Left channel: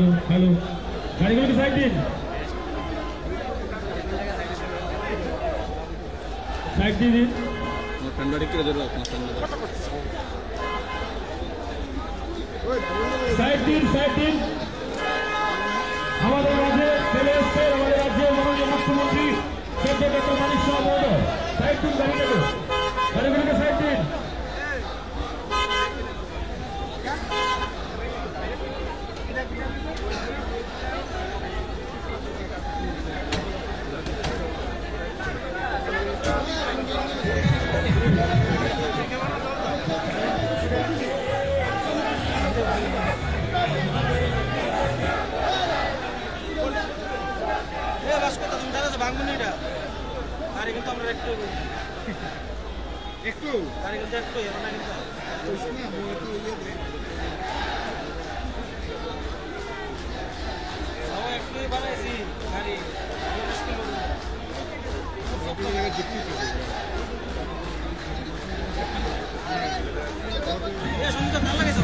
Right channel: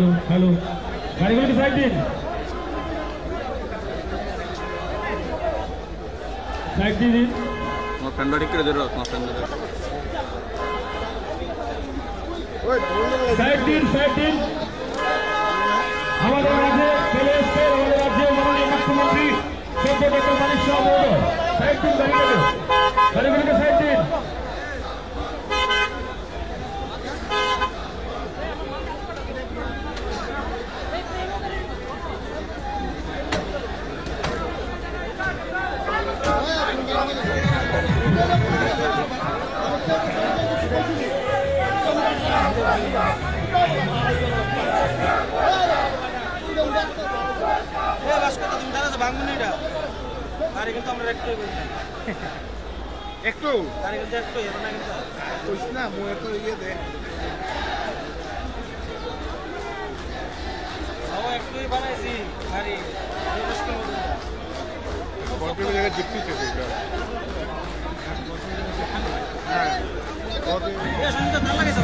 hello hello গাড়িগুলোকে সাইড দিন সাইড দিয়ে দিন সাইড দিন আমাদের রাজ্যে চলে এসছে আমাদের রাজ্যের মাননীয় মুখ্যমন্ত্রী সত্যব্রত মানিক শাহ মহোদয় সাইড দিন গাড়িগুলোকে সাইড দিন একটু না মনে তো ইয়ে দে একটু বানাইছি গাড়ি জায়গায় যুক্তি পেয়েছে সুন্দর ভালো লাগেছে